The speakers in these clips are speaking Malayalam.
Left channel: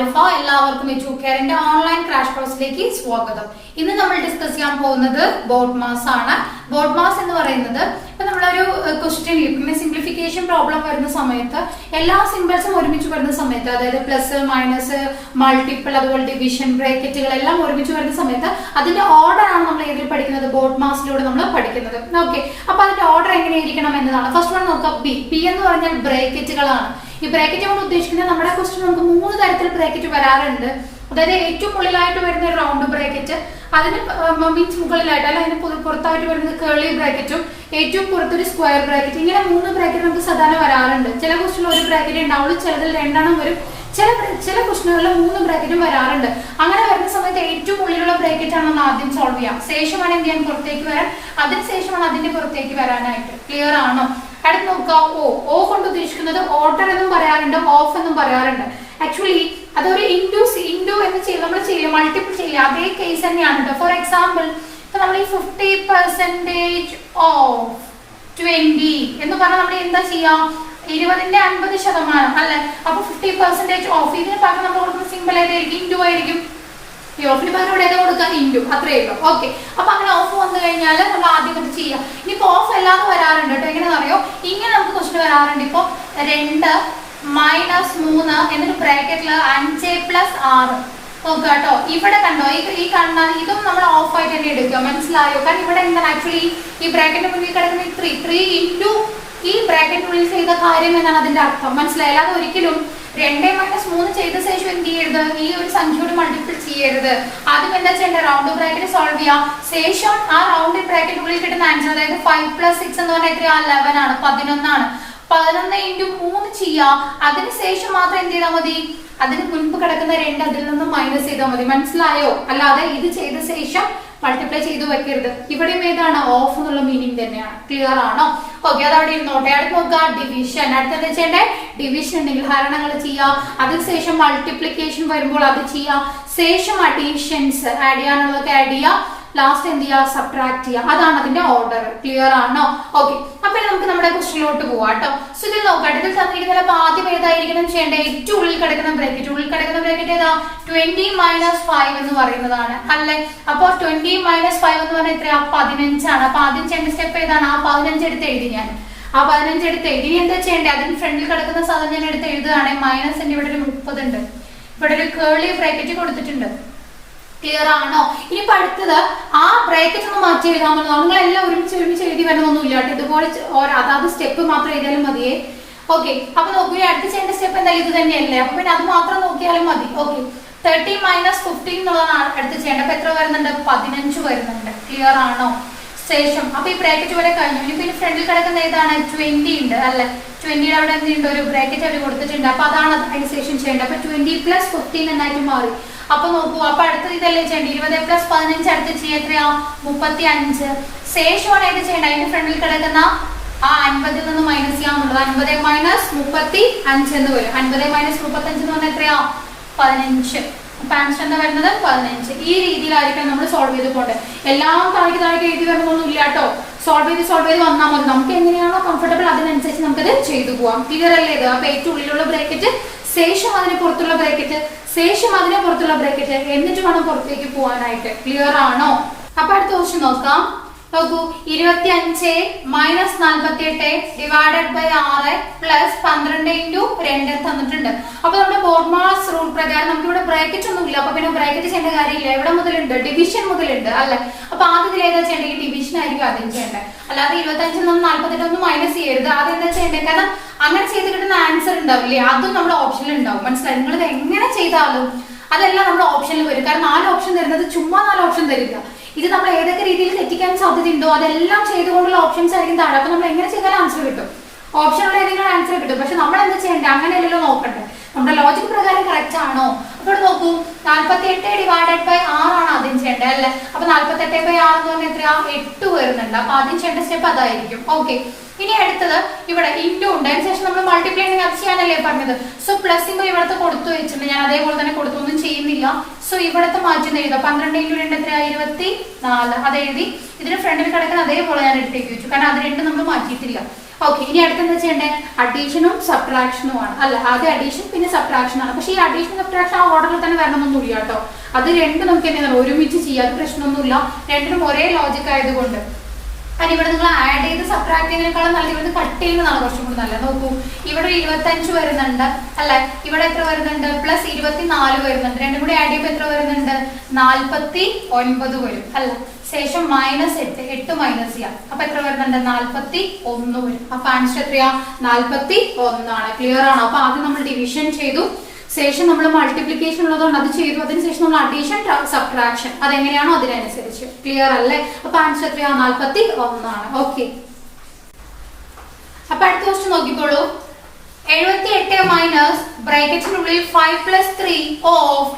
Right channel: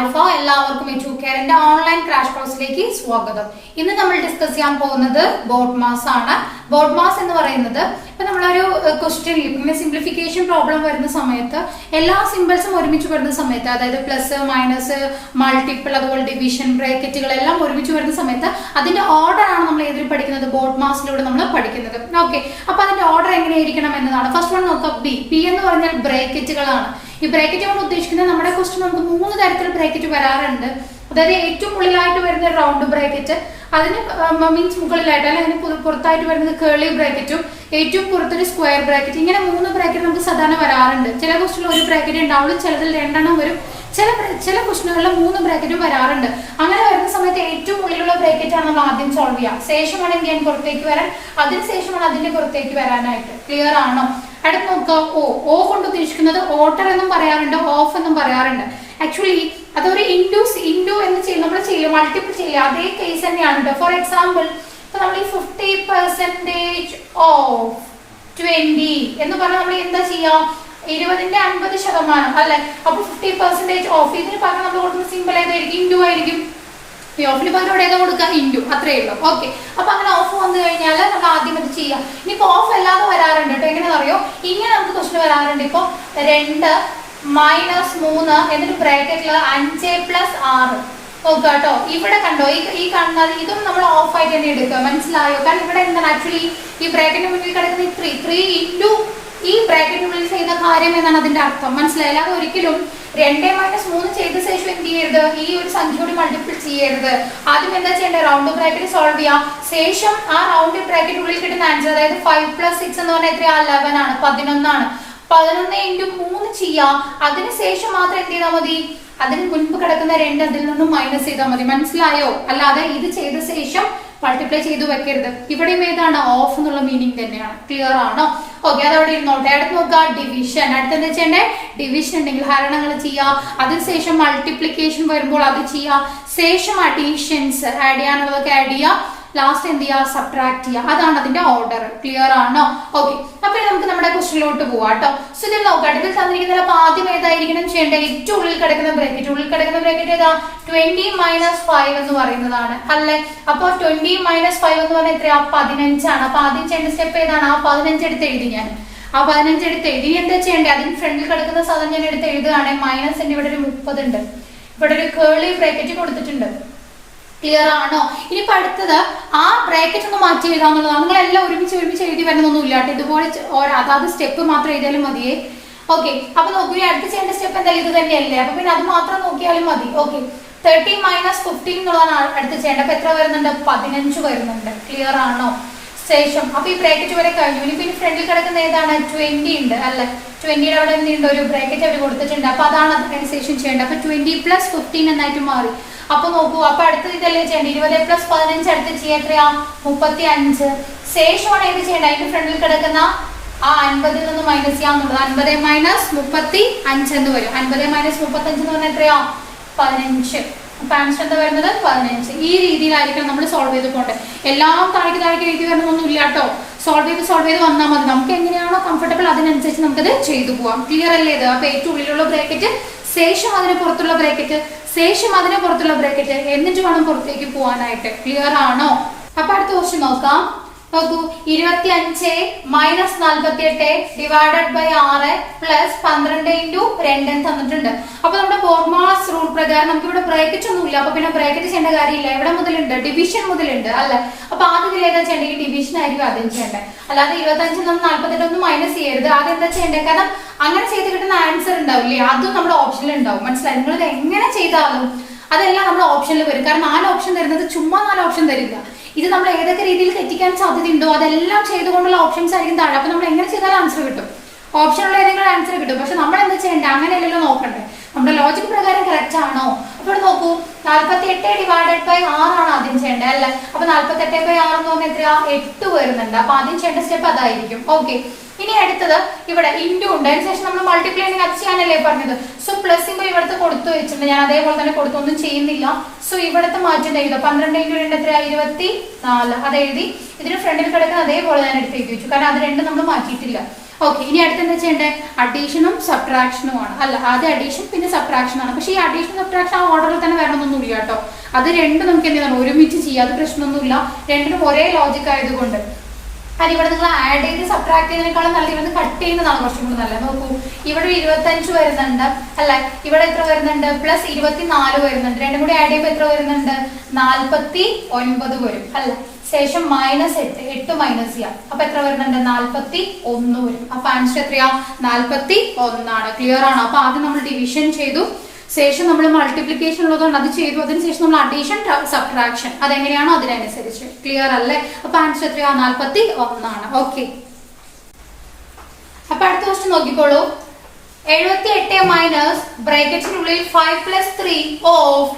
ആരിഫ. എല്ലാവർക്കും എച്ചു കെയറിന്റെ ഓൺലൈൻ ക്രാഷ് കോഴ്സിലേക്ക് സ്വാഗതം. ഇന്ന് നമ്മൾ ഡിസ്കസ് ചെയ്യാൻ പോകുന്നത് ബോഡ് മാസ് ആണ്. ബോഡ് മാസ് എന്ന് പറയുന്നത് ഇപ്പൊ നമ്മളൊരു ക്വസ്റ്റ്യനിൽ പിന്നെ സിംപ്ലിഫിക്കേഷൻ പ്രോബ്ലം വരുന്ന സമയത്ത് എല്ലാ സിമ്പിൾസും ഒരുമിച്ച് വരുന്ന സമയത്ത്, അതായത് പ്ലസ് മൈനസ് മൾട്ടിപ്പിൾ അതുപോലെ ഡിവിഷൻ ബ്രാക്കറ്റുകൾ എല്ലാം ഒരുമിച്ച് വരുന്ന സമയത്ത് അതിന്റെ ഓർഡർ ആണ് നമ്മൾ ഏതിൽ പഠിക്കുന്നത്, ബോഡ് മാസിലൂടെ നമ്മൾ പഠിക്കുന്നത്. ഓക്കെ, അപ്പൊ അതിന്റെ ഓർഡർ എങ്ങനെയായിരിക്കണം എന്നതാണ്. ഫസ്റ്റ് വൺ നോക്കാം, ബി എന്ന് പറഞ്ഞാൽ ബ്രാക്കറ്റുകളാണ്. ഈ ബ്രാക്കറ്റ് കൊണ്ട് ഉദ്ദേശിക്കുന്നത് നമ്മുടെ ക്വസ്റ്റ്യൻ നമുക്ക് 3 തരത്തിൽ ബ്രാക്കറ്റ് വരാറുണ്ട്. അതായത് ഏറ്റവും മുകളിലായിട്ട് വരുന്ന റൗണ്ട് ബ്രാക്കറ്റ്, അതിന് മീൻസ് മുകളിലായിട്ട് അല്ലെ അതിന് പുറത്തായിട്ട് വരുന്നത് കേളി ബ്രാക്കറ്റും, ഏറ്റവും പുറത്തൊരു സ്ക്വയർ ബ്രാക്കറ്റ്. ഇങ്ങനെ 3 ബ്രാക്കറ്റ് നമുക്ക് സാധാരണ വരാറുണ്ട്. ചില ക്വസ്റ്റ്യനിൽ ഒരു ബ്രാക്കറ്റ് ഉണ്ടാവുള്ളൂ, ചിലതിൽ 2 വരും, ചില ക്വസ്റ്റ്യനുകളിൽ 3 ബ്രാക്കറ്റും വരാറുണ്ട്. അങ്ങനെ വരുന്ന സമയത്ത് ഏറ്റവും ഉള്ളിലുള്ള ബ്രാക്കറ്റ് ആണ് നമ്മൾ ആദ്യം സോൾവ് ചെയ്യാം. ശേഷമാണ് എന്ത് ചെയ്യാൻ പുറത്തേക്ക് വരാൻ, അതിനുശേഷമാണ് അതിന്റെ പുറത്തേക്ക് വരാനായിട്ട്. ക്ലിയർ ആണോ? അടുത്ത് നോക്കുക, ഓ കൊണ്ട് ഉദ്ദേശിക്കുന്നത് ഓർഡർ എന്നും പറയാറുണ്ട്, ഓഫ് എന്നും പറയാറുണ്ട്. ആക്ച്വലി അതൊരു ഇൻഡു എന്ന് നമ്മൾ ചെയ്യില്ല, മൾട്ടിപ്പിൾ ചെയ്യില്ല, അതേ കേസ് തന്നെയാണ്. ഫോർ എക്സാമ്പിൾ ഇപ്പൊ നമ്മൾ ഈ 50% ഓഫ് 20 എന്ന് പറഞ്ഞാൽ നമ്മൾ എന്താ ചെയ്യാം, 20ന്റെ 50% അല്ലെ. അപ്പൊ 50% ഓഫ്, ഇതിന് പകരം നമ്മൾ കൊടുക്കുന്ന സിമ്പിൾ ഏതായിരിക്കും, ഇൻഡു ആയിരിക്കും. ഓഫിന് പകരം ഇവിടെ ഏതാ കൊടുക്കുക, ഇൻഡു, അത്രയേ ഉള്ളൂ. ഓക്കെ, അപ്പൊ അങ്ങനെ ഓഫ് വന്നു കഴിഞ്ഞാൽ നമ്മൾ ആദ്യം അത് ചെയ്യാം. ഇനിയിപ്പോ ഓഫ് അല്ലാതെ വരാറുണ്ട് കേട്ടോ. എങ്ങനെയാണെന്ന് അറിയോ, ഇങ്ങനെ നമുക്ക് ക്വസ്റ്റ്യൻ വരാറുണ്ട്. ഇപ്പൊ 2 - 3 എന്നിട്ട് ബ്രാക്കറ്റില് 5 + 6 നോക്കുക കേട്ടോ. ഇവിടെ കണ്ടോ, ഈ കാണുന്നത് ഇതും നമ്മൾ ഓഫ് ആയിട്ട് തന്നെ എടുക്കുക. മനസ്സിലായോ? കാരണം ഇവിടെ എന്താണ് ആക്ച്വലി ഈ ബ്രാക്കറ്റിന്റെ മുന്നിൽ കിടക്കുന്ന 3 ഇൻറ്റു ഈ ബ്രാക്കറ്റിനുള്ളിൽ ചെയ്ത കാര്യം എന്നാണ് അതിന്റെ അർത്ഥം. മനസ്സിലായി? അല്ലാതെ ഒരിക്കലും 2 - 3 ചെയ്ത ശേഷം എന്ത് ചെയ്യരുത്, ഈ ഒരു സംഖ്യയോട് മൾട്ടിപ്പിൾ ചെയ്യരുത്. ആദ്യം എന്താ ചെയ്യേണ്ടത്, റൗണ്ട് ബ്രാക്കറ്റ് സോൾവ് ചെയ്യാം. ശേഷം ആ റൗണ്ട് ബ്രാക്കറ്റിനുള്ളിൽ കിട്ടുന്ന ആൻസർ, അതായത് 5 + 6 എന്ന് പറഞ്ഞാൽ എത്രയാ, 11 ആണ്, 11 ആണ്. 11 × 3 ചെയ്യാം. അതിനുശേഷം മാത്രം എന്ത് ചെയ്താൽ മതി, അതിന് മുൻപ് കിടക്കുന്ന 2 അതിൽ നിന്നും മൈനസ് ചെയ്താൽ മതി. മനസ്സിലായോ? അല്ലാതെ ഇത് ചെയ്ത ശേഷം മൾട്ടിപ്ലൈ ചെയ്ത് വെക്കരുത്. ഇവിടെയും ഏതാണ്, ഓഫ് എന്നുള്ള മീനിങ് തന്നെയാണ്. ക്ലിയർ ആണോ? ഓക്കെ, അത് അവിടെ ഇരുന്നോട്ടെ. അടുത്ത് നോക്കുക, ഡിവിഷൻ. അടുത്തത് ചെയ്യേണ്ടേ, ഡിവിഷൻ ഉണ്ടെങ്കിൽ ഹരണങ്ങൾ ചെയ്യാം. അതിനുശേഷം മൾട്ടിപ്ലിക്കേഷൻ വരുമ്പോൾ അത് ചെയ്യാം. ശേഷം അഡീഷൻസ് ആഡ് ചെയ്യാനുള്ളതൊക്കെ ആഡ് ചെയ്യാം. ലാസ്റ്റ് എന്ത് ചെയ്യുക, സബ്ട്രാക്ട് ചെയ്യുക. അതാണ് അതിന്റെ ഓർഡർ. ക്ലിയർ ആണോ? ഓക്കെ, അപ്പൊ നമുക്ക് നമ്മുടെ ക്വസ്റ്റ്യനിലോട്ട് പോവാം കേട്ടോ. സോ ഇതിൽ നോക്കാം, ഇതിൽ തന്നിരിക്കുന്ന അപ്പൊ ആദ്യം ഏതായിരിക്കണം ചെയ്യേണ്ടത്, ഏറ്റവും ഉള്ളിൽ കിടക്കുന്ന ബ്രാക്കറ്റ് ഏതാ, 20 - 5 എന്ന് പറയുന്നതാണ് അല്ലെ. അപ്പൊ 20 - 5 എന്ന് പറഞ്ഞാൽ എത്രയാ, 15 ആണ്. അപ്പൊ ആദ്യം ചെയ്യേണ്ട സ്റ്റെപ്പ് ഏതാണ്, ആ 15 എടുത്ത് എഴുതി. ഞാൻ ആ 15 എടുത്ത് എഴുതി. എന്താ ചെയ്യേണ്ടത്, അതിന് ഫ്രണ്ടിൽ കിടക്കുന്ന സാധനം ഞാൻ എടുത്ത് എഴുതുകയാണെങ്കിൽ മൈനസിന്റെ ഇവിടെ ഒരു 30 ഉണ്ട്. ഇവിടെ ഒരു കേളി ബ്രാക്കറ്റ് കൊടുത്തിട്ടുണ്ട്. ക്ലിയർ ആണോ? ഇനിയിപ്പോ അടുത്തത് ആ ബ്രാക്കറ്റ് ഒന്ന് മാറ്റി എഴുതാന്നുള്ളതാണ്. നിങ്ങളെല്ലാം ഒരുമിച്ച് എഴുതി വരണമൊന്നും ഇല്ല കേട്ടോ. ഇതുപോലെ അതാത് സ്റ്റെപ്പ് മാത്രം എഴുതിയാലും മതിയേ. ഓക്കെ, അപ്പൊ നോക്കൂ, അടുത്ത് ചെയ്യേണ്ട സ്റ്റെപ്പ് എന്തായാലും ഇത് തന്നെയല്ലേ. അപ്പൊ പിന്നെ അത് മാത്രം നോക്കിയാലും മതി. ഓക്കെ, 30 - 15 എന്നുള്ളതാണ് അടുത്ത് ചെയ്യേണ്ടത്. അപ്പൊ എത്ര വരുന്നുണ്ട്, 15 വരുന്നുണ്ട്. ക്ലിയർ ആണോ? ശേഷം അപ്പൊ ഈ ബ്രാക്കറ്റ് വരെ കഴിഞ്ഞു. ഇനി പിന്നെ ഫ്രണ്ടിൽ കിടക്കുന്ന ഏതാണ്, 20 ഉണ്ട് അല്ലെ. 20യുടെ അവിടെ എന്തുണ്ട്, ഒരു ബ്രാക്കറ്റ് അവർ കൊടുത്തിട്ടുണ്ട്. അപ്പൊ അതാണ് അതിനുശേഷം ചെയ്യേണ്ടത്. അപ്പൊ 20 + 15 എന്നായിട്ട് മാറി. അപ്പൊ നോക്കൂ, അപ്പൊ അടുത്തത് ഇതല്ലേ ചെയ്യേണ്ടത്, 20 + 15 അടുത്ത് ചെയ്യാൻ എത്രയാ, 35. ശേഷമാണ് ഇത് ചെയ്യേണ്ടത്, അതിന്റെ ഫ്രണ്ടിൽ കിടക്കുന്ന ആ 50ൽ നിന്ന് മൈനസ് ചെയ്യാന്നുള്ളത്. 50 - 35 എന്ന് വരും. 50 - 35 എന്ന് പറഞ്ഞാൽ എത്രയാ, 15. അപ്പൊ ആൻസർ എന്താ വരുന്നത്, 15. ഈ രീതിയിലായിരിക്കണം നമ്മൾ സോൾവ് ചെയ്ത് പോകേണ്ടത്. എല്ലാം താഴേക്ക് എഴുതി വരണമൊന്നും ഇല്ല കേട്ടോ. സോൾവ് ചെയ്ത് വന്നാൽ മതി. നമുക്ക് എങ്ങനെയാണോ കംഫർട്ടബിൾ അതിനനുസരിച്ച് നമുക്കത് ചെയ്തു പോവാം. ക്ലിയർ അല്ലേ ഇത്? അപ്പൊ ഏറ്റവും ഉള്ളിലുള്ള ബ്രാക്കറ്റ്, ശേഷം അതിന് പുറത്തുള്ള ബ്രാക്കറ്റ്, ശേഷം അതിന് പുറത്തുള്ള ബ്രാക്കറ്റ്, എന്നിട്ട് വേണം പുറത്തേക്ക് പോകാനായിട്ട്. ക്ലിയർ ആണോ? അപ്പൊ അടുത്ത ക്വസ്റ്റ്യൻ നോക്കാം. നോക്കൂ, 25 - 48 ഡിവൈഡഡ് ബൈ 6 പ്ലസ് 12 × 2 തന്നിട്ടുണ്ട്. അപ്പൊ നമ്മുടെ ബോഡ് മാസ് റൂൾ പ്രകാരം നമുക്ക് ഇവിടെ ബ്രാക്കറ്റ് ഒന്നും ഇല്ല. അപ്പൊ പിന്നെ ബ്രാക്കറ്റ് ചെയ്യേണ്ട കാര്യമില്ല. എവിടെ മുതലുണ്ട്, ഡിവിഷൻ മുതലുണ്ട് അല്ലെ. അപ്പൊ ആദ്യം ഏതാ ചെയ്യേണ്ടത്, ഈ ഡിവിഷൻ ആയിരിക്കും ആദ്യം ചെയ്യേണ്ടത്. അല്ലാതെ 25ൽ നിന്ന് 48 ഒന്നും മൈനസ് ചെയ്യരുത്. ആദ്യം എന്താ ചെയ്യേണ്ടത്, കാരണം അങ്ങനെ ചെയ്ത് കിട്ടുന്ന ആൻസർ ഉണ്ടാവില്ലേ, അതും നമ്മുടെ ഓപ്ഷനിൽ ഉണ്ടാവും. മനസ്സിലായി? നിങ്ങൾ ഇത് എങ്ങനെ ചെയ്താലും അതെല്ലാം നമ്മുടെ ഓപ്ഷനിൽ വരും. കാരണം 4 ഓപ്ഷൻ തരുന്നത് ചുമ്മാ 4 ഓപ്ഷൻ തരില്ല. ഇത് നമ്മൾ ഏതൊക്കെ രീതിയിൽ തെറ്റിക്കാൻ സാധ്യതയുണ്ടോ അതെല്ലാം ചെയ്തുകൊണ്ടുള്ള ഓപ്ഷൻസ് ആയിരിക്കും താഴെ. അപ്പൊ നമ്മൾ എങ്ങനെ ചെയ്താലും ആൻസർ കിട്ടും, ഓപ്ഷനുള്ള ഏതെങ്കിലും ആൻസർ കിട്ടും. പക്ഷെ നമ്മൾ എന്താ ചെയ്യേണ്ടത്, അങ്ങനെയല്ലല്ലോ നോക്കണ്ടേ, നമ്മുടെ ലോജിക് പ്രകാരം കറക്റ്റ് ആണോ. അപ്പോൾ നോക്കൂ, 48 ഡിവൈഡഡ് ബൈ 6 ആണ് ആദ്യം ചെയ്യേണ്ടത് അല്ലെ. അപ്പൊ 48 ബൈ 6 എന്ന് പറഞ്ഞാൽ എത്രയാ, 8 വരുന്നുണ്ട്. അപ്പൊ ആദ്യം ചെയ്യേണ്ട സ്റ്റെപ്പ് അതായിരിക്കും. ഓക്കെ, ഇനി അടുത്തത് ഇവിടെ ഇൻഡു ഉണ്ട്. അതിനുശേഷം നമ്മൾ മൾട്ടിപ്ലൈ അത് ചെയ്യാനല്ലേ പറഞ്ഞത്. സോ പ്ലസ് സിമ്പിൾ ഇവിടുത്തെ കൊടുത്തു വെച്ചിട്ടുണ്ട്. ഞാൻ അതേപോലെ തന്നെ കൊടുത്തൊന്നും ചെയ്യുന്നില്ല. സോ ഇവിടുത്തെ മാറ്റം എഴുതാം. 12 × 2 എത്രയാ, 24. അത് എഴുതി. ഇതിന് ഫ്രണ്ടിൽ കിടക്കുന്ന അതേപോലെ ഞാൻ എടുത്തേക്ക് വെച്ചു, കാരണം അത് രണ്ടും നമ്മൾ മാറ്റിയിട്ടില്ല. ഓക്കെ, ഇനി അടുത്ത് എന്താ ചെയ്യേണ്ടേ? അഡീഷനും സബ്ട്രാക്ഷനും ആണ്. അല്ല, ആദ്യം അഡീഷൻ പിന്നെ സബ്ട്രാക്ഷൻ ആണ്. പക്ഷേ ഈ അഡീഷൻ സബ്ട്രാക്ഷൻ ആ ഓർഡറിൽ തന്നെ വരണമെന്നൊന്നുമില്ല കേട്ടോ. അത് രണ്ടും നമുക്ക് എന്താണ് ഒരുമിച്ച് ചെയ്യാം, അത് പ്രശ്നമൊന്നുമില്ല. രണ്ടിനും ഒരേ ലോജിക് ആയതുകൊണ്ട്. കാരണം ഇവിടെ നിങ്ങൾ ആഡ് ചെയ്ത് സബ്ട്രാക്ട് ചെയ്യുന്നതിനേക്കാളും നല്ല ഇവിടെ കട്ട് ചെയ്യുന്നതാണ് കുറച്ചും കൂടി നല്ലത്. നോക്കൂ, ഇവിടെ 25 വരുന്നുണ്ട് അല്ലെ, ഇവിടെ എത്ര വരുന്നുണ്ട്? പ്ലസ് 24 വരുന്നുണ്ട്. രണ്ടും കൂടി ആഡ് ചെയ്യുമ്പോൾ എത്ര വരുന്നുണ്ട്? 49 വരും അല്ല. ശേഷം -8 മൈനസ് ചെയ്യാം. അപ്പൊ എത്ര വരുന്നുണ്ട്? 41 വരും. അപ്പൊ ആൻസർ എത്രയാ? 41 ആണ്. ക്ലിയർ ആണോ? അപ്പൊ ആദ്യം നമ്മൾ ഡിവിഷൻ ചെയ്തു, ശേഷം നമ്മൾ മൾട്ടിപ്ലിക്കേഷൻ ഉള്ളതുകൊണ്ട് അത് ചെയ്തു, അതിനുശേഷം നമ്മൾ അഡീഷൻ സബ്ട്രാക്ഷൻ അതെങ്ങനെയാണോ അതിനനുസരിച്ച്. ക്ലിയർ അല്ലേ? അപ്പൊ ആൻസർ എത്രയാ? 41 ആണ്. ഓക്കെ, അപ്പൊ അടുത്ത ക്വസ്റ്റ്യൻ നോക്കിക്കോളൂ. 78 മൈനസ് ബ്രാക്കറ്റിനുള്ളിൽ 5 + 3 ഓഫ്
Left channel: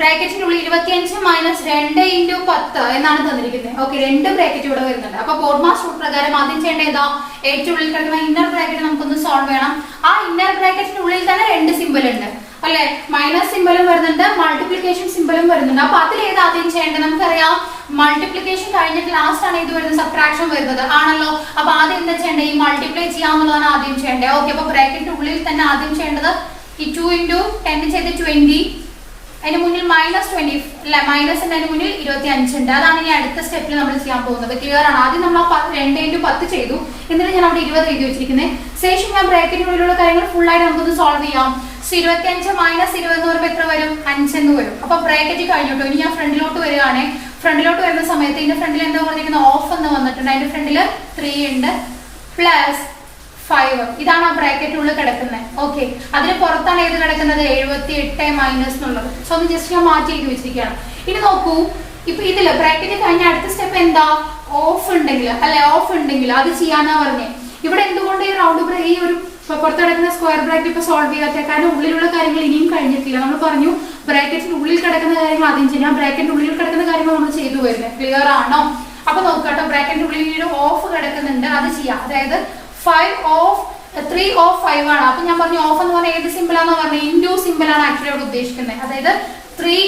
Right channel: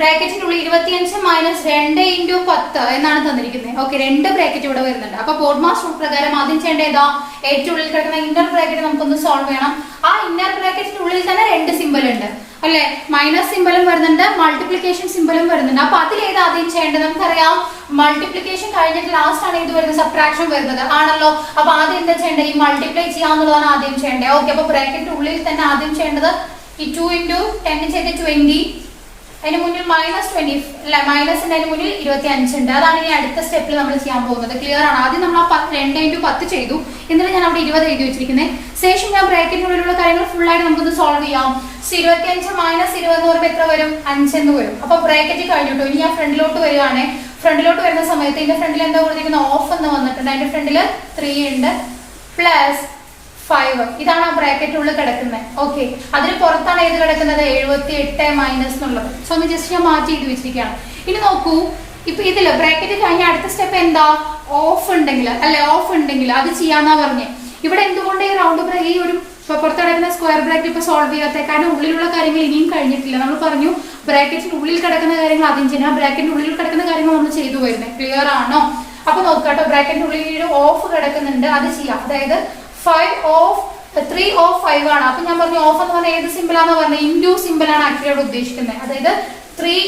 ബ്രാക്കറ്റിനുള്ളിൽ 25 മൈനസ് 2 × 10 എന്നാണ് തന്നിരിക്കുന്നത്. ഓക്കെ, 2 ബ്രാക്കറ്റ് ഇവിടെ വരുന്നുണ്ട്. അപ്പൊ ബോർഡ് മാസ് റൂൾ പ്രകാരം ആദ്യം ചെയ്യേണ്ട ഏതാ? ഏറ്റവും ഉള്ളിൽ കിടക്കുന്ന ഇന്നർ ബ്രാക്കറ്റ് നമുക്കൊന്ന് സോൾവ് ചെയ്യണം. ആ ഇന്നർ ബ്രാക്കറ്റിനുള്ളിൽ തന്നെ 2 സിമ്പിൾ ഉണ്ട് അല്ലെ, മൈനസ് സിമ്പിളും വരുന്നുണ്ട്, മൾട്ടിപ്ലിക്കേഷൻ സിമ്പിളും വരുന്നുണ്ട്. അപ്പൊ അതിലേത് ആദ്യം ചെയ്യേണ്ടത്? നമുക്കറിയാം മൾട്ടിപ്ലിക്കേഷൻ കഴിഞ്ഞിട്ട് ലാസ്റ്റ് ആണ് ഇത് വരുന്നത്, സബ്ട്രാക്ഷൻ വരുന്നത് ആണല്ലോ. അപ്പൊ ആദ്യം എന്താ ചെയ്യേണ്ടത്? ഈ മൾട്ടിപ്ലൈ ചെയ്യാന്നുള്ളതാണ് ആദ്യം ചെയ്യേണ്ടത്. ഓക്കെ, അപ്പൊ ബ്രാക്കറ്റിന്റെ ഉള്ളിൽ തന്നെ ആദ്യം ചെയ്യേണ്ടത് ഈ 2 × 10 ചെയ്ത് 20, അതിന് മുന്നിൽ -20 അല്ല, മൈനസ് അതിന് മുന്നിൽ 25 ഉണ്ട്. അതാണ് ഇനി അടുത്ത സ്റ്റെപ്പിൽ നമ്മൾ ചെയ്യാൻ പോകുന്നത്. ക്ലിയർ ആണ്? ആദ്യം നമ്മൾ 2 × 10 ചെയ്തു, എന്നിട്ട് ഞാൻ അവിടെ 20 എഴുതി വെച്ചിരിക്കുന്നത്. ശേഷം ഞാൻ ബ്രാക്കറ്റിനുള്ളിലുള്ള കാര്യങ്ങൾ ഫുൾ ആയിട്ട് നമുക്കൊന്ന് സോൾവ് ചെയ്യാം. 25 - 20 എന്ന് പറയുമ്പോൾ എത്ര വരും? 5 എന്ന് വരും. അപ്പൊ ബ്രാക്കറ്റ് കഴിഞ്ഞിട്ടു. ഇനി ഞാൻ ഫ്രണ്ടിലോട്ട് വരികയാണ്. ഫ്രണ്ടിലോട്ട് വരുന്ന സമയത്ത് ഇതിന്റെ ഫ്രണ്ടിൽ എന്താ പറഞ്ഞിരിക്കുന്നത്? ഓഫ് എന്ന് വന്നിട്ടുണ്ട്. അതിന്റെ ഫ്രണ്ടിൽ 3 ഉണ്ട് പ്ലസ് 5. ഇതാണ് ആ ബ്രാക്കറ്റിനുള്ളിൽ കിടക്കുന്നത്. ഓക്കെ, അതിന് പുറത്താണ് ഏത് കിടക്കുന്നത്? 78 മൈനസ് എന്നുള്ളത്. സോ ഒന്ന് ജസ്റ്റ് ഞാൻ മാറ്റി എഴുതി വെച്ചിരിക്കുകയാണ്. ഇനി നോക്കൂ, ഇപ്പൊ ഇതില് ബ്രാക്കറ്റ് കഴിഞ്ഞ അടുത്ത സ്റ്റെപ്പ് എന്താ? ഓഫ് ഉണ്ടെങ്കിൽ അല്ലെ, ഓഫ് ഉണ്ടെങ്കിൽ അത് ചെയ്യാന്നാ പറഞ്ഞേ. ഇവിടെ എന്തുകൊണ്ട് ഈ റൗണ്ട് ഈ ഒരു പുറത്ത് കിടക്കുന്ന സ്ക്വയർ ബ്രാക്കറ്റ് ഇപ്പൊ സോൾവ് ചെയ്യാത്ത? കാരണം ഉള്ളിലുള്ള കാര്യങ്ങൾ ഇനിയും കഴിഞ്ഞിട്ടില്ല. നമ്മൾ പറഞ്ഞു ബ്രാക്കറ്റിന്റെ ഉള്ളിൽ കിടക്കുന്ന കാര്യങ്ങൾ ആദ്യം ചെയ്യാം. ബ്രാക്കറ്റിന്റെ ഉള്ളിൽ കിടക്കുന്ന കാര്യങ്ങൾ നമ്മൾ ചെയ്തു വരുന്നത്. ക്ലിയർ ആണോ? അപ്പൊ നോക്കാട്ടോ, ബ്രാക്കറ്റിന്റെ ഉള്ളിൽ ഒരു ഓഫ് കിടക്കുന്നുണ്ട്, അത് ചെയ്യാം. അതായത് 5 ഓഫ് 3 ഓഫ് 5 ആണ്. അപ്പൊ ഞാൻ പറഞ്ഞു ഓഫ് എന്ന് പറഞ്ഞാൽ ഏത് സിമ്പിൾ ആണെന്ന് പറഞ്ഞു? ഇൻഡു സിമ്പിൾ ആണ് ആക്ച്വലി അവിടെ ഉദ്ദേശിക്കുന്നത്. അതായത് 3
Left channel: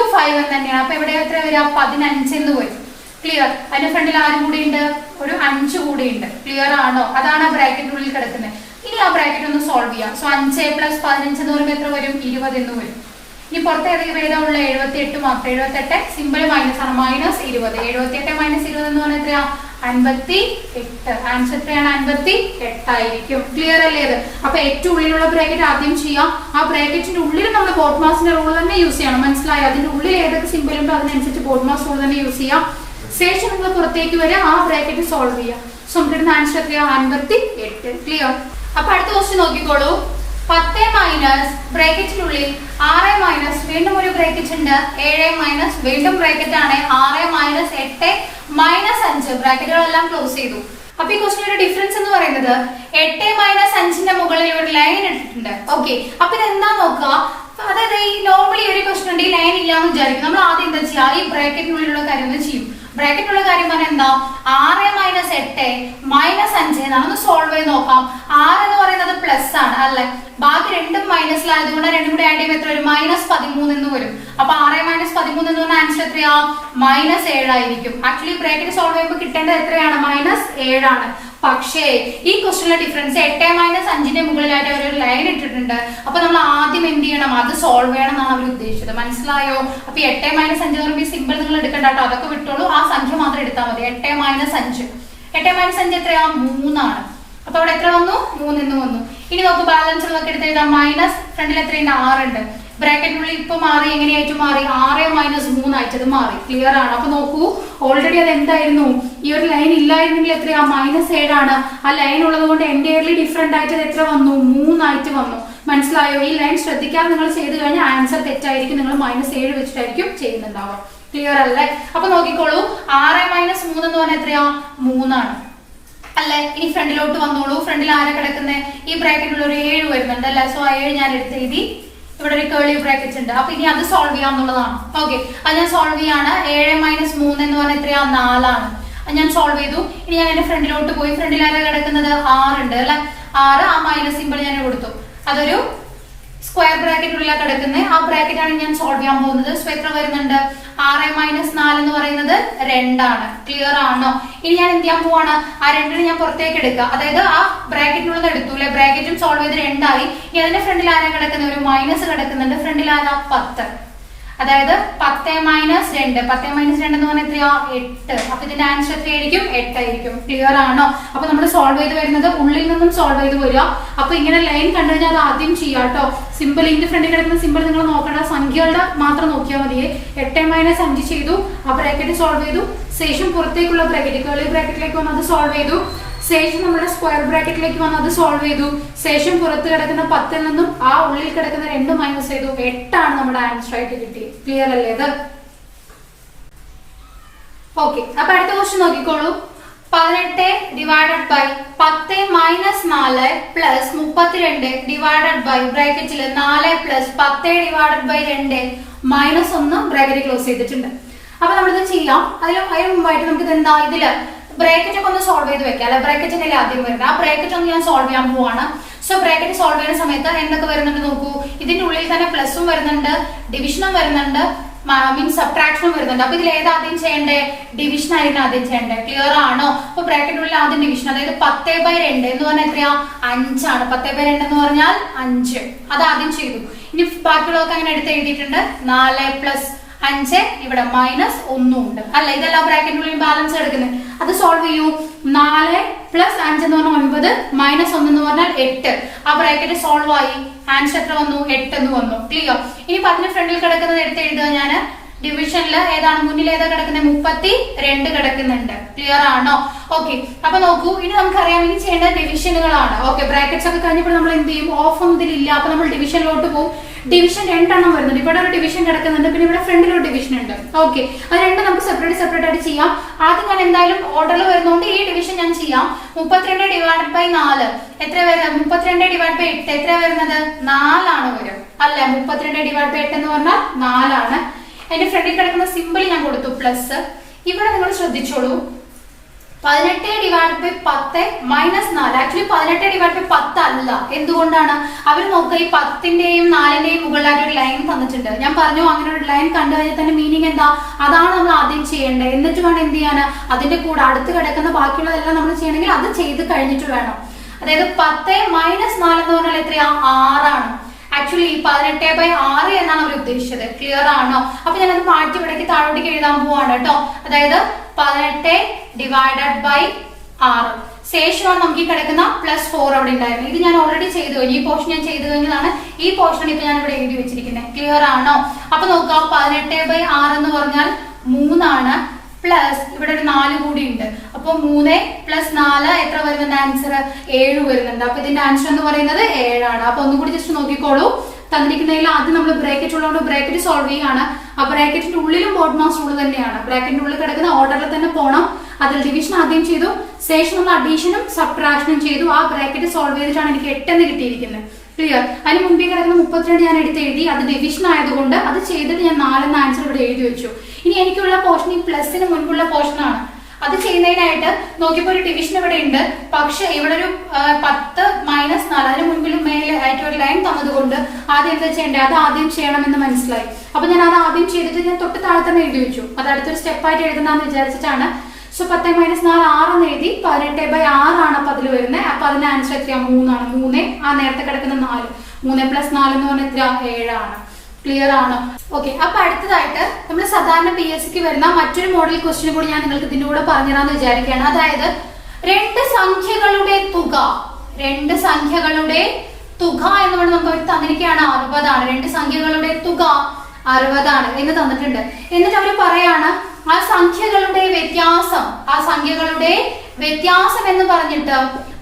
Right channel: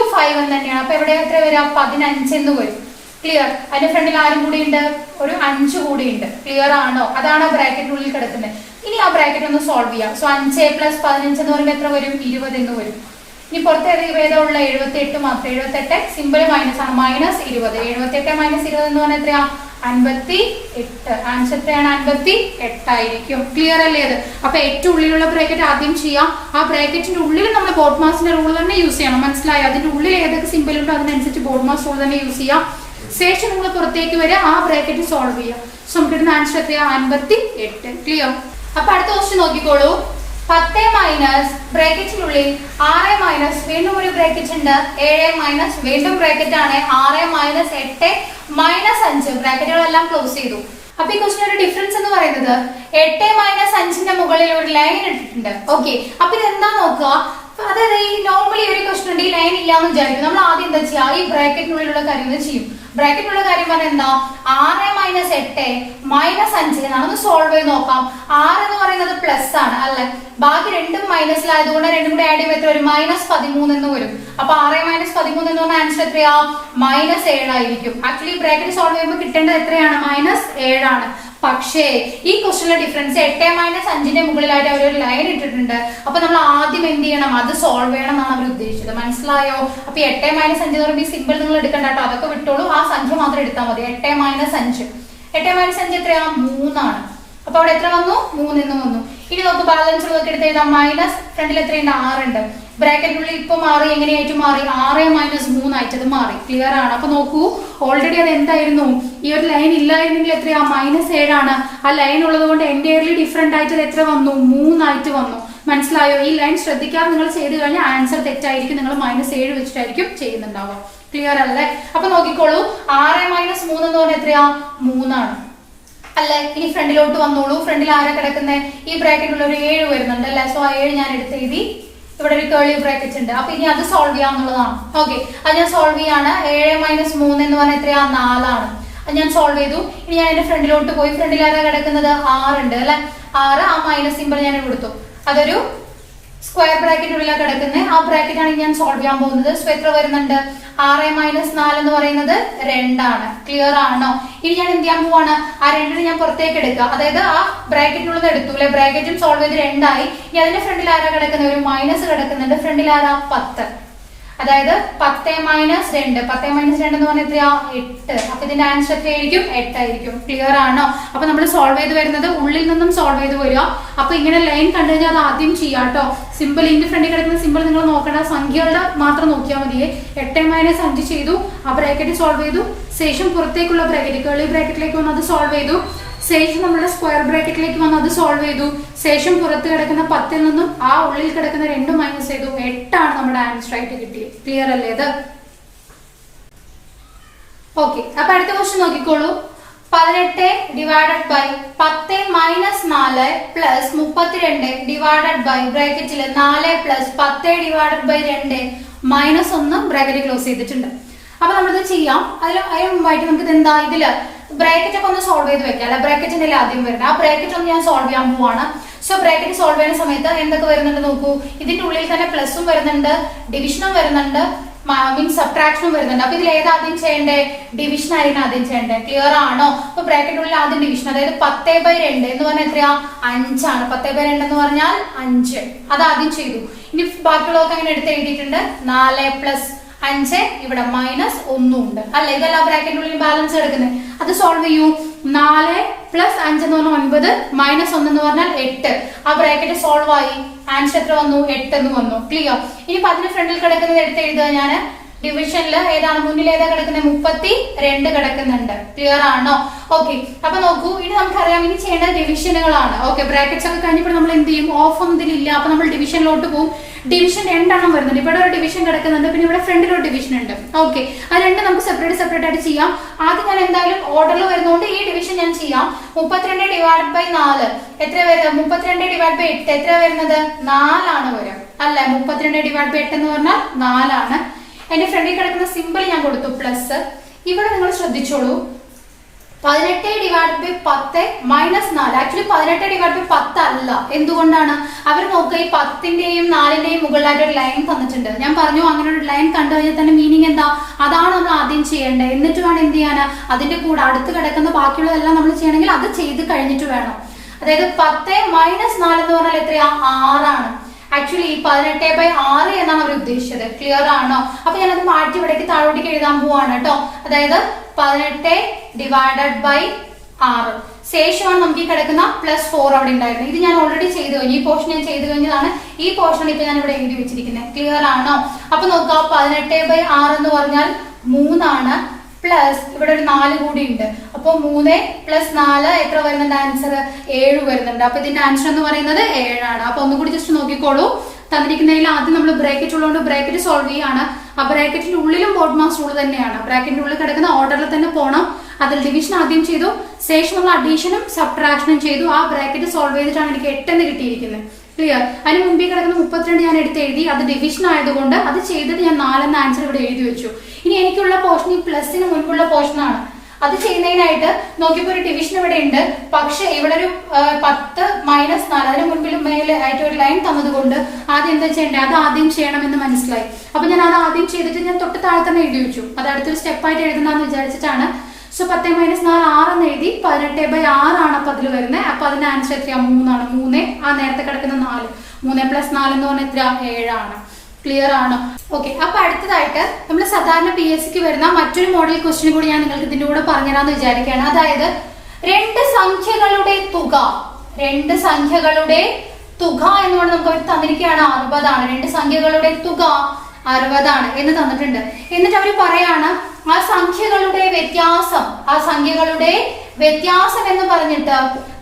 × 5 എന്ന് തന്നെയാണ്. അപ്പൊ ഇവിടെ എത്ര വരിക? 15 എന്ന് വരും. ക്ലിയർ? അതിന്റെ ഫ്രണ്ടിൽ ആരും കൂടി ഉണ്ട്? ഒരു 5 കൂടി ഉണ്ട്. ക്ലിയർ ആണോ? അതാണ് ആ ബ്രാക്കറ്റിനുള്ളിൽ കിടക്കുന്നത്. ഇനി ആ ബ്രാക്കറ്റ് ഒന്ന് സോൾവ് ചെയ്യാം. സോ 5 + 15 എന്ന് പറയുമ്പോൾ എത്ര വരും? 20 എന്ന് വരും. ഇനി പുറത്ത് ഏതാ? 78 മാത്രം. 78 സിമ്പിൾ മൈനസ് ആണ്, -20. 78 - 20 എന്ന് പറഞ്ഞാൽ എത്രയാ? 58. ആൻസർ എത്രയാണ്? 58 ആയിരിക്കും. ക്ലിയർ അല്ലേ? അത് അപ്പൊ ഏറ്റവും ഉള്ളിലുള്ള ബ്രാക്കറ്റ് ആദ്യം ചെയ്യാം. ആ ബ്രാക്കറ്റിന്റെ ഉള്ളിൽ നമ്മൾ ബോർഡ് മാസിന്റെ റൂൾ തന്നെ യൂസ് ചെയ്യണം. മനസ്സിലായോ? അതിന്റെ ഉള്ളിൽ ഏതൊക്കെ സിമ്പിൾ ഉണ്ടോ അതിനനുസരിച്ച് ബോർഡ് മാസ് റൂൾ തന്നെ യൂസ് ചെയ്യാം. ശേഷം നമ്മൾ പുറത്തേക്ക് വരിക, ആ ബ്രാക്കറ്റ് സോൾവ് ചെയ്യാം. സോ നമുക്ക് കിട്ടുന്ന ആൻസർ എത്രയാ? 58. ക്ലിയർ? അപ്പൊ അടുത്ത ക്വസ്റ്റ്യൻ നോക്കിക്കോളൂ. 10 മൈനസ് ബ്രാക്കറ്റിനുള്ളിൽ 6 മൈനസ് വീണ്ടും ഒരു ബ്രാക്കറ്റ് ഉണ്ട്, 7 മൈനസ് വീണ്ടും ബ്രാക്കറ്റ് ആണ്, 6 മൈനസ് 8 മൈനസ് 5. ബ്രാക്കറ്റുകളെല്ലാം ക്ലോസ് ചെയ്തു. അപ്പൊ ഈ ക്വസ്റ്റിന്റെ ഡിഫറൻസ് എന്ന് പറയുന്നത് 8 - 5ന്റെ മുകളിൽ ഒരു ലൈൻ ഇട്ടിട്ടുണ്ട്. ഓക്കെ, അപ്പൊ ഇതെന്താ നോക്കുക? അതായത് ഈ നോർമലി ഒരു ക്വസ്റ്റൻ ഉണ്ട്, ഈ ലൈൻ ഇല്ലാന്ന് വിചാരിക്കും. നമ്മൾ ആദ്യം എന്താ ചെയ്യാ? ഈ ബ്രാക്കറ്റിനുള്ളിലുള്ള കാര്യങ്ങൾ ചെയ്യും. ബ്രാക്കറ്റിനുള്ള കാര്യം പറഞ്ഞാൽ എന്താ? 6 - 8 - 5 എന്നാണ്. ഒന്ന് സോൾവ് ചെയ്ത് നോക്കാം. 6 എന്ന് പറയുന്നത് പ്ലസ് ആണ് അല്ലെ, ബാക്കി രണ്ടും മൈനസിലായതുകൊണ്ട് രണ്ടും കൂടെ ആഡ് ചെയ്യുമ്പോൾ എത്ര വരും? -13 എന്ന് വരും. അപ്പൊ 6 - 13 എന്ന് പറഞ്ഞ ആൻസർ എത്രയാ? -7 ആയിരിക്കും. ആക്ച്വലി ബ്രാക്കറ്റ് സോൾവ് ചെയ്യുമ്പോൾ കിട്ടേണ്ടത് എത്രയാണ്? -7 ആണ്. പക്ഷേ ഈ ക്വസ്റ്റിലെ ഡിഫറൻസ് 8 - 5ന്റെ മുകളിലായിട്ട് അവർ ഒരു ലൈൻ ഇട്ടിട്ടുണ്ട്. അപ്പൊ നമ്മൾ ആദ്യം എന്ത് ചെയ്യണം? അത് സോൾവ് ചെയ്യണം എന്നാണ് അവർ ഉദ്ദേശിച്ചത്. മനസ്സിലായോ? അപ്പൊ 8 - 5 എന്ന് പറയുമ്പോൾ ഈ സിമ്പിൾ നിങ്ങൾ എടുക്കണ്ട കേട്ടോ, അതൊക്കെ വിട്ടോളൂ. ആ സംഖ്യ മാത്രം എടുത്താൽ മതി. 8 - 5. 8 - 5 എത്രയാ? 3 ആണ്. അപ്പൊ അവിടെ എത്ര വന്നു? 3 എന്ന് വന്നു. ഇനി നമുക്ക് ബാലൻസ് ഉള്ളതൊക്കെ എടുത്ത് എഴുതാം. മൈനസ് ഫ്രണ്ടിൽ എത്രയുണ്ട്? 6 ഉണ്ട്. ബ്രാക്കറ്റിനുള്ളിൽ ഇപ്പൊ മാറി, എങ്ങനെയായിട്ട് മാറി? 6 - 3 ആയിട്ട് അത് മാറി. ക്ലിയർ ആണ്? അപ്പൊ നോക്കൂ, ഓൾറെഡി അത് എന്തായിരുന്നു? ഈ ഒരു ലൈൻ ഇല്ലായിരുന്നെങ്കിൽ എത്രയാ? -7 ആണ്. ആ ലൈൻ ഉള്ളത് കൊണ്ട് എൻറ്റയർലി ഡിഫറെന്റ് ആയിട്ട് അത് എത്ര വന്നു? 3 ആയിട്ട് വന്നു. മനസ്സിലായോ? ഈ ലൈൻ ശ്രദ്ധിക്കാതെ നിങ്ങൾ ചെയ്ത് കഴിഞ്ഞാൽ ആൻസർ തെറ്റായിരിക്കും. നിങ്ങൾ -7 വെച്ചിട്ടായിരിക്കും ചെയ്യുന്നുണ്ടാവുക. ക്ലിയർ അല്ലേ? അപ്പൊ നോക്കിക്കോളൂ, 6 - 3 എന്ന് പറഞ്ഞാൽ എത്രയാ? 3 ആണ് അല്ലെ. ഇനി ഫ്രണ്ടിലോട്ട് വന്നോളൂ. ഫ്രണ്ടിൽ ആരാ കിടക്കുന്നത്? ഈ ബ്രാക്കറ്റിലുള്ള ഒരു 7 വരുന്നുണ്ട് അല്ലെ. സോ ആ 7 ഞാൻ എടുത്ത് എഴുതി. ഇവിടെ ഒരു കേളി ബ്രാക്കറ്റ് ഉണ്ട്. അപ്പൊ ഇനി അത് സോൾവ് ചെയ്യാന്നുള്ളതാണ്. ഓക്കെ, അത് ഞാൻ സോൾവ് ചെയ്യാണ്. 7 - 3 എന്ന് പറഞ്ഞാൽ എത്രയാ? 4 ആണ്. ഞാൻ സോൾവ് ചെയ്തു. ഇനി ഞാൻ എന്റെ ഫ്രണ്ടിലോട്ട് പോയി. ഫ്രണ്ടിൽ ആരാ കിടക്കുന്നത്? 6 ഉണ്ട് അല്ലെ. 6 ആ മൈനസ് സിമ്പിൾ ഞാൻ കൊടുത്തു. അതൊരു സ്ക്വയർ ബ്രാക്കറ്റിനുള്ളിലാണ് കിടക്കുന്നത്. ആ ബ്രാക്കറ്റ് ആണ് ഞാൻ സോൾവ് ചെയ്യാൻ പോകുന്നത്. സോ എത്ര വരുന്നുണ്ട്? 6 - 4 എന്ന് പറയുന്നത് 2 ആണ്. ക്ലിയർ ആണോ? ഇനി ഞാൻ എന്ത് ചെയ്യാൻ പോവാണ്? ആ 2 ഞാൻ പുറത്തേക്ക് എടുക്കുക. അതായത് ആ ബ്രാക്കറ്റിനുള്ളത് എടുത്തു അല്ലെ, ബ്രാക്കറ്റും സോൾവ് ചെയ്ത് 2 ആയി. ഇനി അതിന്റെ ഫ്രണ്ടിൽ ആരാ കിടക്കുന്നത്? ഒരു മൈനസ് കിടക്കുന്നുണ്ട്. ഫ്രണ്ടിൽ ആരാ? 10. അതായത് 10 - 2 10 - 2 എന്ന് പറഞ്ഞാൽ എത്രയാ? 8. അപ്പൊ ഇതിന്റെ ആൻസർ എത്രയായിരിക്കും? 8 ആയിരിക്കും. ക്ലിയർ ആണോ? അപ്പൊ നമ്മൾ സോൾവ് ചെയ്ത് വരുന്നത് ഉള്ളിൽ നിന്നും സോൾവ് ചെയ്ത് വരിക. അപ്പൊ ഇങ്ങനെ ലൈൻ കണ്ടു കഴിഞ്ഞാൽ അത് ആദ്യം ചെയ്യാം കേട്ടോ. സിമ്പിൾ ഇതിന്റെ ഫ്രണ്ടിൽ കിടക്കുന്ന സിമ്പിൾ നിങ്ങൾ നോക്കേണ്ട, സംഖ്യകളുടെ മാത്രം നോക്കിയാൽ മതിയേ. 8 - 5 ചെയ്തു, ആ ബ്രാക്കറ്റ് സോൾവ് ചെയ്തു. ശേഷം പുറത്തേക്കുള്ള ബ്രാക്കറ്റ് കേളി ബ്രാക്കറ്റിലേക്ക് വന്ന് അത് സോൾവ് ചെയ്തു. ശേഷം നമ്മുടെ സ്ക്വയർ ബ്രാക്കറ്റിലേക്ക് വന്ന് അത് സോൾവ് ചെയ്തു. ശേഷം പുറത്ത് കിടക്കുന്ന 10 നിന്നും ആ ഉള്ളിൽ കിടക്കുന്ന 2 മൈനസ് ചെയ്തു. 8 ആണ് നമ്മുടെ ആൻസർ ആയിട്ട് കിട്ടിയത്. ക്ലിയർ അല്ലേ ഇത്? ഓക്കെ, അപ്പൊ അടുത്ത ക്വസ്റ്റ്യൻ നോക്കിക്കോളൂ. 18 divided by 10 - 4 plus 32 divided by ബ്രാക്കറ്റിൽ 4 plus 10 divided by 2 minus 1 bracket close ചെയ്തിട്ടുണ്ട്. അപ്പൊ നമ്മളിത് ചെയ്യാം. അതിന് മുമ്പായിട്ട് നമുക്ക് ഇത് എന്താ ഇതില് ബ്രാക്കറ്റ് ഒക്കെ ഒന്ന് സോൾവ് ചെയ്ത് വെക്കാം അല്ലെ. ബ്രാക്കറ്റിന്റെ ആദ്യം വരുന്നത് ആ ബ്രാക്കറ്റ് ഒന്ന് ഞാൻ സോൾവ് ചെയ്യാൻ പോവാണ്. സോ ബ്രാക്കറ്റ് സോൾവ് ചെയ്യുന്ന സമയത്ത് എന്തൊക്കെ വരുന്നുണ്ട് നോക്കൂ. ഇതിന്റെ ഉള്ളിൽ തന്നെ പ്ലസും വരുന്നുണ്ട്, ഡിവിഷനും വരുന്നുണ്ട്, മീൻസ് സബ്ട്രാക്ഷനും വരുന്നുണ്ട്. അപ്പൊ ഇതിൽ ഏത് ആദ്യം ചെയ്യണ്ടേ? ഡിവിഷൻ ആയിരുന്നു ആദ്യം ചെയ്യണ്ടേ. ക്ലിയർ ആണോ? അപ്പൊ ബ്രാക്കറ്റിനുള്ളിൽ ആദ്യം ഡിവിഷൻ, അതായത് 10/2 എന്ന് പറഞ്ഞാൽ എത്രയാ? 5 ആണ്. 10/2 എന്ന് പറഞ്ഞാൽ 5. അത് ആദ്യം ചെയ്തു. ഇനി ബാക്കിയുള്ളതൊക്കെ അങ്ങനെ എടുത്ത് എഴുതിയിട്ടുണ്ട്. 4 പ്ലസ് 5 ഇവിടെ മൈനസ് 1 ഉണ്ട് അല്ല. ഇതല്ല ബ്രാക്കറ്റിനുള്ളിൽ ബാലൻസ് എടുക്കുന്നത്. അത് സോൾവ് ചെയ്യൂ. 4 പ്ലസ് 5 എന്ന് പറഞ്ഞാൽ 9 മൈനസ് 1 എന്ന് പറഞ്ഞാൽ 8. ആ ബ്രാക്കറ്റ് സോൾവ് ആയി. ആൻസർ എത്ര വന്നു? 8 എന്ന് വന്നു. ക്ലിയർ? ഇനി 10 ഫ്രണ്ടിൽ കിടക്കുന്നത് എടുത്ത് എഴുതുക. ഞാൻ ഡിവിഷനിൽ ഏതാണ് മുന്നിൽ ഏതാ കിടക്കുന്നത്? 32 കിടക്കുന്നുണ്ട്. ക്ലിയർ ആണോ? ഓക്കെ, അപ്പൊ നോക്കൂ. ഇനി നമുക്കറിയാം ഇനി ചെയ്യേണ്ടത് ഡിവിഷനുകളാണ്. ഓക്കെ, ബ്രാക്കറ്റ്സ് ഒക്കെ കഴിഞ്ഞപ്പോൾ നമ്മൾ എന്ത് ചെയ്യും? ഓഫ് ഒന്നും ഇതിലില്ല. അപ്പൊ നമ്മൾ ഡിവിഷനിലോട്ട് പോകും. ഡിവിഷൻ 2 എണ്ണം വരുന്നുണ്ട്. ഇവിടെ ഒരു ഡിവിഷൻ കിടക്കുന്നുണ്ട്, പിന്നെ ഇവിടെ ഫ്രണ്ടിൽ ഒരു ഡിവിഷൻ ഉണ്ട്. ഓക്കെ, അത് രണ്ടും നമുക്ക് സെപ്പറേറ്റ് ആയിട്ട് ചെയ്യാം. ആദ്യം ഞാൻ എന്തായാലും ഓർഡറിൽ വരുന്നതുകൊണ്ട് ഈ ഡിവിഷൻ ഞാൻ ചെയ്യാം. 32 ഡിവൈഡ് ബൈ 4 എത്ര വരും? 32 ഡിവൈഡ് ബൈ 8 എത്ര വരുന്നത്? 4 ആണ് വരും അല്ലെ. 32 ഡിവൈഡ് ബൈ 8 എന്ന് പറഞ്ഞാൽ 4 ആണ്. എന്റെ ഫ്രണ്ടിൽ കിടക്കുന്ന സിമ്പിൾ ഞാൻ കൊടുത്തു പ്ലസ്. ഇവിടെ നിങ്ങൾ ശ്രദ്ധിച്ചോളൂ. 18 divide by 10 minus 4. Actually 18 divide by 10 അല്ല. എന്തുകൊണ്ടാണ്? അവർ നോക്കുക, ഈ 10ന്റെയും 4ന്റെയും മുകളിലായിട്ട് ഒരു ലൈൻ തന്നിട്ടുണ്ട്. ഞാൻ പറഞ്ഞു അങ്ങനെ ഒരു ലൈൻ കണ്ടു കഴിഞ്ഞാൽ തന്നെ മീനിങ് എന്താ? അതാണ് നമ്മൾ ആദ്യം ചെയ്യേണ്ടത്. എന്നിട്ട് വേണം എന്ത് ചെയ്യാന്? അതിന്റെ കൂടെ അടുത്ത് കിടക്കുന്ന ബാക്കിയുള്ളതെല്ലാം നമ്മൾ ചെയ്യണമെങ്കിൽ അത് ചെയ്ത് കഴിഞ്ഞിട്ട് വേണം. അതായത് 10 മൈനസ് 4 എന്ന് പറഞ്ഞാൽ എത്രയാ? 6 ആണ്. ആക്ച്വലി 18/6 എന്നാണ് അവർ ഉദ്ദേശിച്ചത്. ക്ലിയർ ആണോ? അപ്പൊ ഞാനത് മാറ്റി ഇവിടേക്ക് താഴോട്ടേക്ക് എഴുതാൻ പോവാണ് കേട്ടോ. അതായത് 18 ഡിവൈഡഡ് ബൈ 6 ശേഷമാണ് നമുക്ക് ഈ കിടക്കുന്ന +4 അവിടെ ഉണ്ടായിരുന്നു. ഇത് ഞാൻ ഓൾറെഡി ചെയ്തു കഴിഞ്ഞു. ഈ പോർഷൻ ഞാൻ ചെയ്തു കഴിഞ്ഞതാണ്. ഈ പോർഷൻ ഇപ്പൊ ഞാൻ ഇവിടെ എഴുതി വെച്ചിരിക്കുന്നത്. ക്ലിയർ ആണോ? അപ്പൊ നോക്കുക, 18/6 എന്ന് പറഞ്ഞാൽ 3 ആണ്. പ്ലസ് ഇവിടെ ഒരു 4 കൂടി ഉണ്ട്. അപ്പൊ 3 + 4 എത്ര വരുന്നുണ്ട്? ആൻസർ 7 വരുന്നുണ്ട്. അപ്പൊ ഇതിന്റെ ആൻസർ എന്ന് പറയുന്നത് 7 ആണ്. അപ്പൊ ഒന്നും കൂടി ജസ്റ്റ് നോക്കിക്കോളൂ. തന്നിരിക്കുന്നതിൽ ആദ്യം നമ്മൾ ബ്രാക്കറ്റ് ഉള്ളതുകൊണ്ട് ബ്രാക്കറ്റ് സോൾവ് ചെയ്യാണ്. ആ ബ്രാക്കറ്റിന്റെ ഉള്ളിലും ബോർഡ് മാസ് റൂൾ തന്നെയാണ്. ബ്രാക്കറ്റിന്റെ ഉള്ളിൽ കിടക്കുന്ന ഓർഡറിൽ തന്നെ പോകണം. അതിൽ ഡിവിഷൻ ആദ്യം ചെയ്തു, ശേഷം നമ്മൾ അഡീഷനും സബ്ട്രാക്ഷനും ചെയ്തു. ആ ബ്രാക്കറ്റ് സോൾവ് ചെയ്തിട്ടാണ് എനിക്ക് 8 എന്ന് കിട്ടിയിരിക്കുന്നത്. ക്ലിയർ? അതിന് മുമ്പേ കിടക്കുന്ന 32 ഞാൻ എടുത്ത് എഴുതി. അത് ഡിവിഷൻ ആയതുകൊണ്ട് അത് ചെയ്തിട്ട് ഞാൻ 4 എന്ന ആൻസർ ഇവിടെ എഴുതി വെച്ചു. ഇനി എനിക്കുള്ള പോർഷൻ ഈ പ്ലസിന് മുൻപുള്ള പോർഷനാണ്. അത് ചെയ്യുന്നതിനായിട്ട് നോക്കിയപ്പോൾ ഒരു ഡിവിഷൻ ഇവിടെ ഉണ്ട്. പക്ഷെ ഇവിടെ ഒരു 10 മൈനസ് 4 അതിന് മുൻപിൽ മേലെ ആയിട്ട് ഒരു ലൈൻ തന്നതുകൊണ്ട് ആദ്യം എന്താ ചെയ്യേണ്ടത്? അത് ആദ്യം ചെയ്യണമെന്ന് മനസ്സിലായി. അപ്പൊ ഞാൻ അത് ആദ്യം ചെയ്തിട്ട് ഞാൻ തൊട്ട് താഴെ തന്നെ എഴുതി വെച്ചു. അത് അടുത്തൊരു സ്റ്റെപ്പായിട്ട് എഴുതുന്നതെന്ന് വിചാരിച്ചിട്ടാണ്. സോ 10 - 4 6 എന്ന് എഴുതി. 18/6 ആണ് അപ്പൊ അതിൽ വരുന്നത്. അപ്പൊ അതിന്റെ ആൻസർ എത്രയാ? 3 ആണ്. 3 ആ നേരത്തെ കിടക്കുന്ന 4. 3 + 4 എന്ന് പറഞ്ഞാൽ എത്ര? 7 ആണ്. ക്ലിയർ ആണോ? ഓക്കെ, അപ്പൊ അടുത്തതായിട്ട് നമ്മൾ സാധാരണ PSCക്ക് വരുന്ന മറ്റൊരു മോഡൽ ക്വസ്റ്റ്യൻ കൂടി ഞാൻ നിങ്ങൾക്ക് ഇതിന്റെ കൂടെ പറഞ്ഞുതരാന്ന് വിചാരിക്കുകയാണ്. അതായത് 2 സംഖ്യകളുടെ തുക എന്നുകൊണ്ട് നമുക്ക് അവർ തന്നിരിക്കുകയാണ് 60 ആണ്. 2 സംഖ്യകളുടെ തുക 60 ആണ് എന്ന് തന്നിട്ടുണ്ട്. എന്നിട്ട് അവർ പറയാണ് ആ സംഖ്യകളുടെ വ്യത്യാസം എന്ന് പറഞ്ഞിട്ട്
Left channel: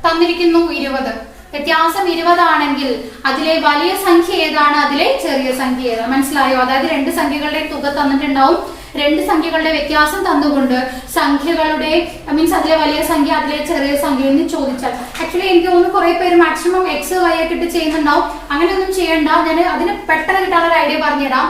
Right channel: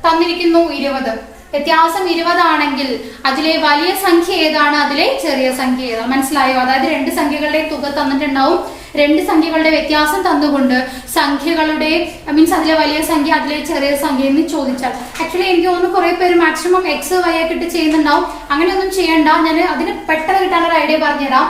തന്നിരിക്കുന്നു 20. വ്യത്യാസം 20 ആണെങ്കിൽ അതിലെ വലിയ സംഖ്യ ഏതാണ്, അതിലെ ചെറിയ സംഖ്യ ഏതാണ്? മനസ്സിലായോ? അതായത് 2 സംഖ്യകളുടെ തുക തന്നിട്ടുണ്ടാവും. 2 സംഖ്യകളുടെ വ്യത്യാസം തന്നുകൊണ്ട് സംഖ്യകളുടെ മീൻസ് അതിലെ വലിയ സംഖ്യ അതിലെ ചെറിയ സംഖ്യ എന്ന് ചോദിച്ചാൽ, ആക്ച്വലി എനിക്ക് തോന്നുന്നു കുറെ പേര് മാക്സിമം X Y ഒക്കെ ഇട്ട് ചെയ്യുന്നുണ്ടാവും. അങ്ങനെയൊന്നും ചെയ്യണ്ട. ഞാൻ അതിന് പെട്ടെന്ന് കിട്ടാനുള്ള ഐഡിയ പറഞ്ഞുതരാം.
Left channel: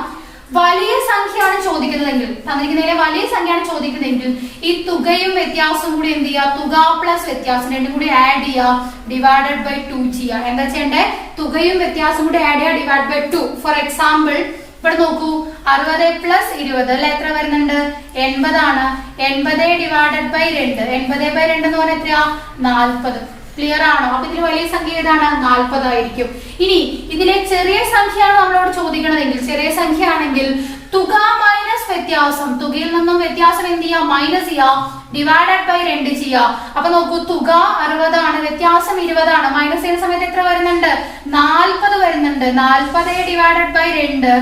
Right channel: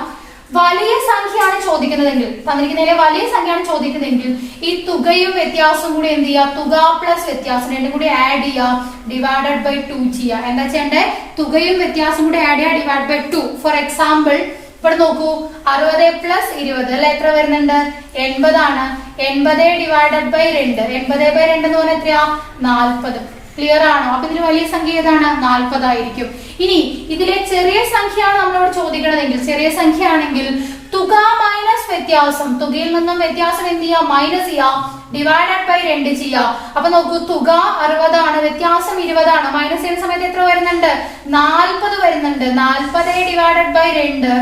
വലിയ സംഖ്യയാണ് ചോദിക്കുന്നതെങ്കിൽ, തന്നിരിക്കുന്നതിലെ വലിയ സംഖ്യയാണ് ചോദിക്കുന്നതെങ്കിൽ ഈ തുകയും വ്യത്യാസവും കൂടി എന്ത് ചെയ്യുക, തുക പ്ലസ് വ്യത്യാസം രണ്ടും കൂടി ആഡ് ചെയ്യുക, ഡിവൈഡഡ് ബൈ 2 ചെയ്യുക. എന്താ ചെയ്യണ്ടേ, തുകയും വ്യത്യാസം കൂടി ആഡ് ചെയ്യുക, ഡിവൈഡ് ബൈ 2. ഫോർ എക്സാമ്പിൾ ഇവിടെ നോക്കൂ, 60 പ്ലസ് 20 അല്ലെ എത്ര വരുന്നുണ്ട്, 80 ആണ്. 80 ഡിവൈഡഡ് ബൈ 2, 80 ബൈ 2 എന്ന് പറഞ്ഞാൽ എത്രയാ, 40. ക്ലിയർ ആണോ? അപ്പൊ ഇതിൽ വലിയ സംഖ്യ ഏതാണ്, 40 ആയിരിക്കും. ഇനി ഇതിലെ ചെറിയ സംഖ്യയാണ് നമ്മളോട് ചോദിക്കണതെങ്കിൽ, ചെറിയ സംഖ്യ ആണെങ്കിൽ തുക മൈനസ് വ്യത്യാസം, തുകയിൽ നിന്നും വ്യത്യാസം എന്ത് ചെയ്യുക, മൈനസ് ചെയ്യുക, ഡിവൈഡഡ് ബൈ 2 ചെയ്യുക. അപ്പൊ നോക്കൂ, തുക 60 ആണ്, വ്യത്യാസം 20 ആണ്. മൈനസ് ചെയ്യുന്ന സമയത്ത് എത്ര വരുന്നുണ്ട്, 40 വരുന്നുണ്ട്. 40 ഡിവൈഡഡ് ബൈ 2,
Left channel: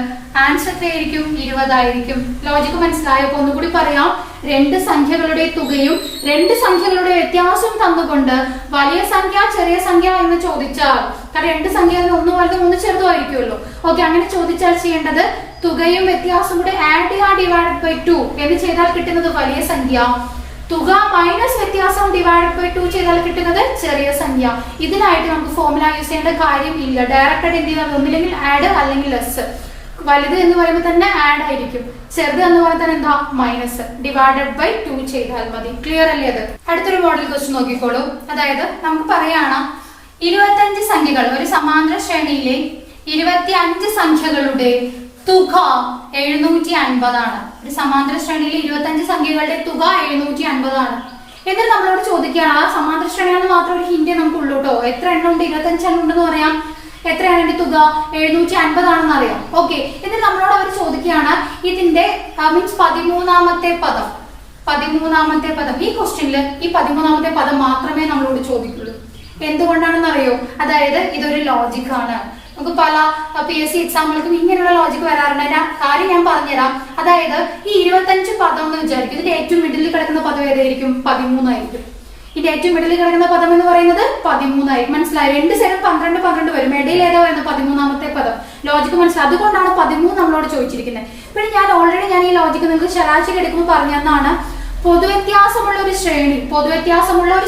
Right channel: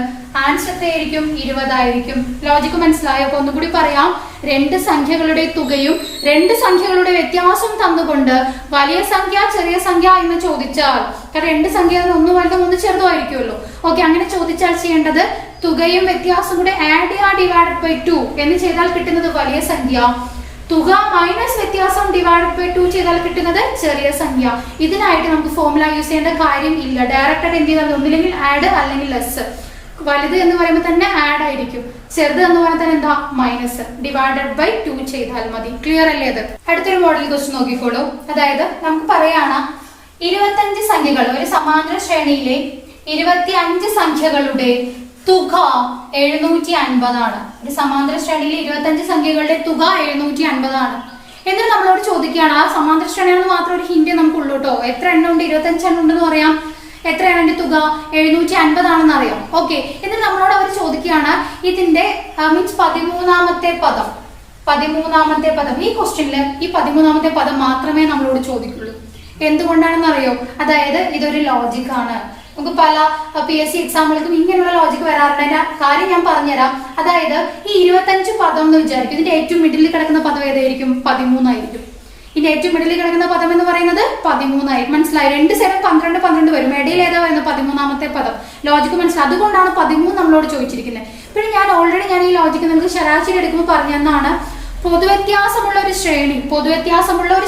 ആൻസർ എത്രയായിരിക്കും, 20 ആയിരിക്കും. ലോജിക്ക് മനസ്സിലായോ? അപ്പൊ ഒന്നുകൂടി പറയാം, രണ്ട് സംഖ്യകളുടെ തുകയും രണ്ട് സംഖ്യകളുടെ വ്യത്യാസം തന്നുകൊണ്ട് വലിയ സംഖ്യ ചെറിയ സംഖ്യ എന്ന് ചോദിച്ചാൽ, കാരണം രണ്ട് സംഖ്യ ഒന്ന് വലുതും ഒന്ന് ചെറുതുമായിരിക്കുമല്ലോ. ഓക്കെ, അങ്ങനെ ചോദിച്ചാൽ ചെയ്യേണ്ടത് തുകയും വ്യത്യാസം കൂടെ ആഡ് ചെയ്യുക, ഡിവൈഡഡ് ബൈ 2 എന്ന് ചെയ്താൽ കിട്ടുന്നത് വലിയ സംഖ്യ. തുക മൈനസ് വ്യത്യാസം ഡിവൈഡഡ് ബൈ 2 ചെയ്താൽ കിട്ടുന്നത് ചെറിയ സംഖ്യ. ഇതിനായിട്ട് നമുക്ക് ഫോർമുല യൂസ് ചെയ്യേണ്ട കാര്യം ഇല്ല. ഡയറക്റ്റ് എന്ത് ചെയ്താൽ ഒന്നില്ലെങ്കിൽ ആഡ് അല്ലെങ്കിൽ ലെസ്. വലുത് എന്ന് പറയുമ്പോൾ തന്നെ ആഡ് ആയിരിക്കും, ചെറുത് എന്ന് പറഞ്ഞാൽ തന്നെ എന്താ, മൈനസ്. ഡിവൈഡഡ് ബൈ 2 ചെയ്താൽ മതി. ക്ലിയർ അല്ലേ? അത് അടുത്തൊരു മോഡൽ ക്വസ്റ്റ്യൻ നോക്കിക്കോളൂ. അതായത് നമുക്ക് പറയാണ് 25 സംഖ്യകൾ, ഒരു സമാന്തര ശ്രേണിയിലെ 25 സംഖ്യകളുടെ തുക 750 ആണ്. ഒരു സമാന്തര ശ്രേണിയിലെ 25 സംഖ്യകളുടെ തുക 750 ആണ്. എന്നിട്ട് നമ്മളോട് ചോദിക്കുകയാണ്, ആ സമാന്തര ശ്രേണിയാണെന്ന് മാത്രം ഒരു ഹിന്റ് നമുക്ക് ഉള്ളൂ കേട്ടോ. എത്ര എണ്ണം ഉണ്ട്, 25 എണ്ണം ഉണ്ടെന്ന് പറയാം. എത്രയാണ് എന്റെ തുക, 750 ആണെന്ന് അറിയാം. ഓക്കെ, എന്നിട്ട് നമ്മളോട് അവർ ചോദിക്കുകയാണ് ഇതിന്റെ മീൻസ് 13ാമത്തെ പദം. 13ാമത്തെ പദം ഈ ക്വസ്റ്റ്യനിൽ ഈ 13ാമത്തെ പദം മാത്രമേ നമ്മളോട് ചോദിക്കുള്ളൂ. എന്തുകൊണ്ടാണെന്ന് അറിയോ? അതായത് ഇതൊരു ലോജിക് ആണ്. നമുക്ക് പല PSC എക്സാമുകൾക്കും ഇങ്ങനെയുള്ള ലോജിക് വരാറുണ്ട്. അതിന്റെ കാര്യം ഞാൻ പറഞ്ഞുതരാം. അതായത് ഈ 25 പദം എന്ന് വിചാരിക്കും, ഇതിന്റെ ഏറ്റവും മിഡിലിൽ കിടക്കുന്ന പദം ഏതായിരിക്കും, 13 ആയിരിക്കും. ഇതിന്റെ ഏറ്റവും മിഡിലിൽ കിടക്കുന്ന പദം എന്ന് പറയുന്നത് 13 ആയിരിക്കും. മനസ്സിലായി? രണ്ട് സൈഡ് 12 12 വരും. ഇടയിൽ ഏതാ വരുന്നത്, 13ാമത്തെ പദം. ലോജിക്ക് മനസ്സിലായി? അതുകൊണ്ടാണ് 13 നമ്മളോട് ചോദിച്ചിരിക്കുന്നത്. പിന്നെ ഞാൻ ഈ ലോജിക്ക് നിങ്ങൾക്ക് ശരാശരി എടുക്കുമ്പോൾ പറഞ്ഞെന്നാണ്. പൊതുവ്യത്യാസമുള്ള ഒരു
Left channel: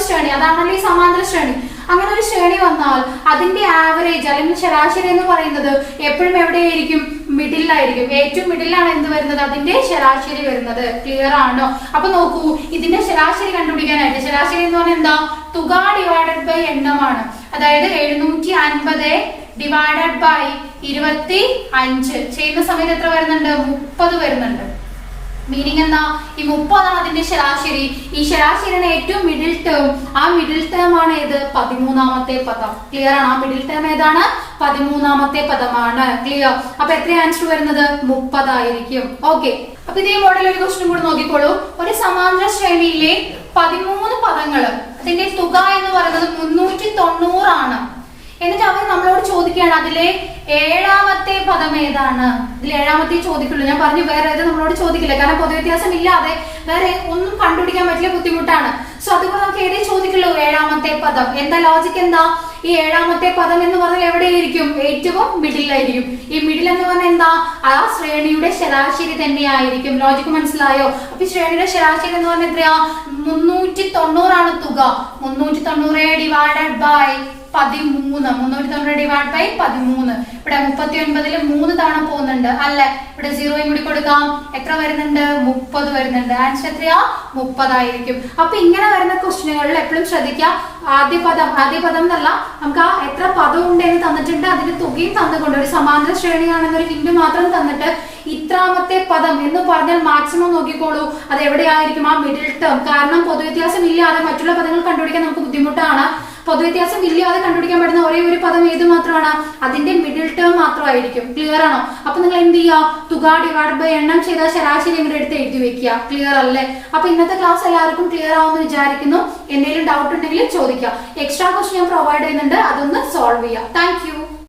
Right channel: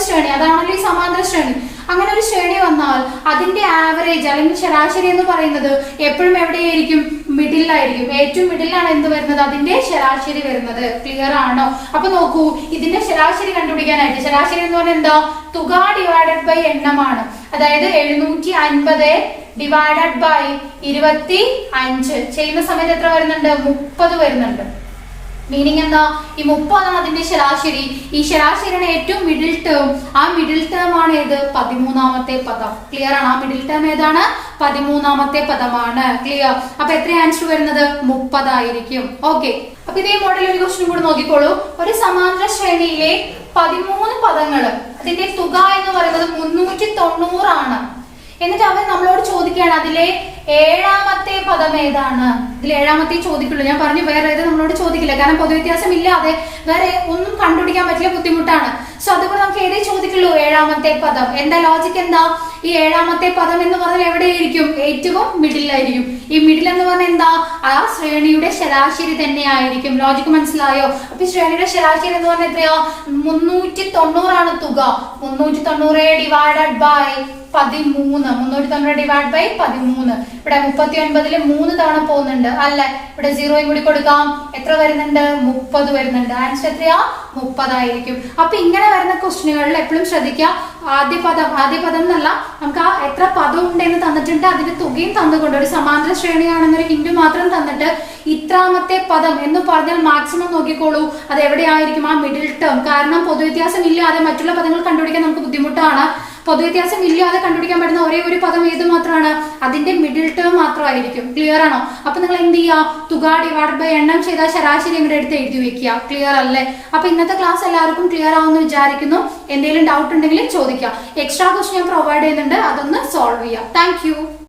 ശ്രേണി, അതാണല്ലോ ഈ സമാന്തര ശ്രേണി. അങ്ങനെ ഒരു ശ്രേണി വന്നാൽ അതിന്റെ ആവറേജ് അല്ലെങ്കിൽ ശരാശരി എന്ന് പറയുന്നത് എപ്പോഴും എവിടെയായിരിക്കും, മിഡിലായിരിക്കും. ഏറ്റവും മിഡിലാണ് എന്ത് വരുന്നത്, അതിന്റെ ശരാശരി വരുന്നത്. ക്ലിയർ ആണോ? അപ്പൊ നോക്കൂ, ഇതിന്റെ ശരാശരി കണ്ടുപിടിക്കാനായിട്ട്, ശരാശരി എന്ന് പറഞ്ഞാൽ എന്താ, തുക ഡിവൈഡഡ് ബൈ എണ്ണമാണ്. അതായത് 750 ഡിവൈഡഡ് ബൈ 25 ചെയ്യുന്ന സമയത്ത് എത്ര വരുന്നുണ്ട്, 30 വരുന്നുണ്ട്. മീനിങ് എന്താ, ഈ 30 ആണ് അതിന്റെ ശരാശരി. ഈ ശരാശരിയാണ് ഏറ്റവും മിഡിൽ ടേം. ആ മിഡിൽ ടേം ആണ് ഏത്, 13ാമത്തെ പദം. ക്ലിയർ ആണ്? ആ മിഡിൽ ടേം ഏതാണ്, 13ാമത്തെ പദമാണ്. ക്ലിയർ? അപ്പൊ എത്ര ആൻസർ വരുന്നത്, 30 ആയിരിക്കും. ഓക്കെ, അപ്പൊ ഇതേ മോഡൽ ഒരു ക്വസ്റ്റ്യൻ കൂടെ നോക്കിക്കോളൂ. ഒരു സമാന്തര ശ്രേണിയിലെ 13 പദങ്ങള്, അതിന്റെ തുക എന്ന് പറയുന്നത് 390 ആണ്. എന്നിട്ട് അവർ നമ്മളോട് ചോദിക്കുകയാണ് അതിലെ 7ാമത്തെ പദം ഏതാണ്. ഇതിൽ 7ാമത്തെ ചോദിക്കുള്ളൂ. ഞാൻ പറഞ്ഞു വേറെ ഏത് നമ്മളോട് ചോദിക്കില്ല, കാരണം പൊതുവ്യത്യാസം ഇല്ലാതെ വേറെ ഒന്നും കണ്ടുപിടിക്കാൻ പറ്റില്ല, ബുദ്ധിമുട്ടാണ്. സോ അതുകൊണ്ട് നമുക്ക് ഏതേ ചോദിക്കുള്ളൂ, 7ാമത്തെ പദം. എന്താ ലോജിക്, എന്താ, ഈ 7ാമത്തെ പദം എന്ന് പറഞ്ഞാൽ എവിടെയായിരിക്കും, ഏറ്റവും മിഡിലായിരിക്കും. ഈ മിഡിൽ എന്ന് പറഞ്ഞാൽ എന്താ, ആ ശ്രേണിയുടെ ശരാശരി തന്നെ ആയിരിക്കും. ലോജിക്ക് മനസ്സിലായോ? അപ്പൊ ഈ ശ്രേണിയുടെ ശരാശരി എന്ന് പറഞ്ഞാൽ എത്രയാ, 390 ആണ് തുക. 390 ഡിവൈഡഡ് ബൈ 13. 390 divide by 13. ഇവിടെ 39ല് 3 തവണ പോകുന്നുണ്ട് അല്ലെ. ഇവിടെ 0 കൂടി കൊടുക്കാം. എത്ര വരുന്നുണ്ട്, 30 വരുന്നുണ്ട്. ആൻസർ എത്രയാ, 30 ആയിരിക്കും. അപ്പൊ ഇങ്ങനെ വരുന്ന ക്വസ്റ്റ്യനുകളിൽ എപ്പോഴും ശ്രദ്ധിക്കാം, ആദ്യ പദം എന്നല്ല, നമുക്ക് ആ എത്ര പദം ഉണ്ടെന്ന് തന്നിട്ടുണ്ട്, അതിന്റെ തുകയും തന്നുകൊണ്ട് ഒരു സമാന്തര ശ്രേണിയാണെന്നൊരു ഹിന്റ് മാത്രം തന്നിട്ട് ഇത്രാമത്തെ പദം എന്ന് പറഞ്ഞാൽ മാക്സിമം നോക്കിക്കോളൂ അത് എവിടെയായിരിക്കും, ആ മിഡിൽ ടേം. കാരണം പൊതുവ്യത്യാസം ഇല്ലാതെ മറ്റുള്ള പദങ്ങൾ കണ്ടുപിടിക്കാൻ നമുക്ക് ബുദ്ധിമുട്ടാണ്. പൊതുവ്യത്യാസം ഇല്ലാതെ കണ്ടുപിടിക്കാൻ പറ്റുന്ന ഒരേ ഒരു പദം ഏത് മാത്രമാണ്, അതിന്റെ മിഡിൽ ടേം മാത്രമായിരിക്കും. ക്ലിയർ ആണോ? അപ്പൊ നിങ്ങൾ എന്ത് ചെയ്യുക, തുക ഡിവൈഡ് ബൈ എണ്ണം ചെയ്താൽ ശരാശരി ഇങ്ങോട്ട് എടുത്ത് എഴുതി വെക്കുക. ക്ലിയർ അല്ലേ? അപ്പൊ ഇന്നത്തെ ക്ലാസ് എല്ലാവർക്കും ക്ലിയർ ആവുമെന്ന് വിചാരിക്കുന്നു. എന്തെങ്കിലും ഡൗട്ട് ഉണ്ടെങ്കിൽ ചോദിക്കുക. എക്സ്ട്രാ ക്വസ്റ്റ്യൻ ഞാൻ പ്രൊവൈഡ് ചെയ്യുന്നുണ്ട്, അതൊന്ന് സോൾവ് ചെയ്യാം. Thank you.